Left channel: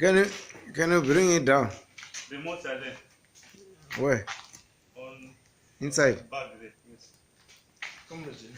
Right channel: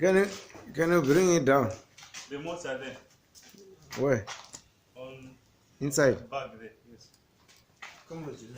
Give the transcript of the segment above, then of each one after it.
Can you bring it down? The remotes are there. Where? On Inside. bag there. Yes. Come with you.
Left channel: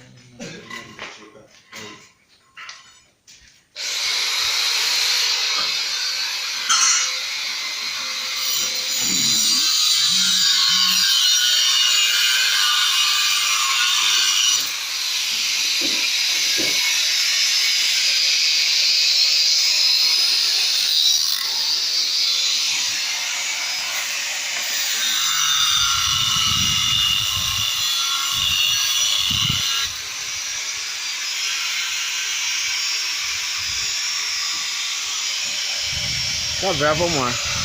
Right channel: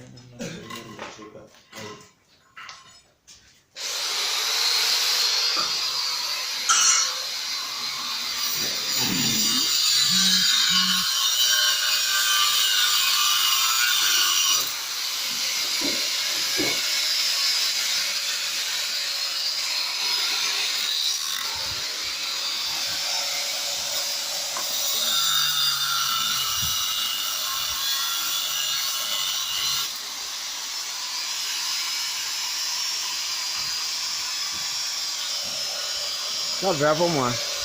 Tá bravo, mano.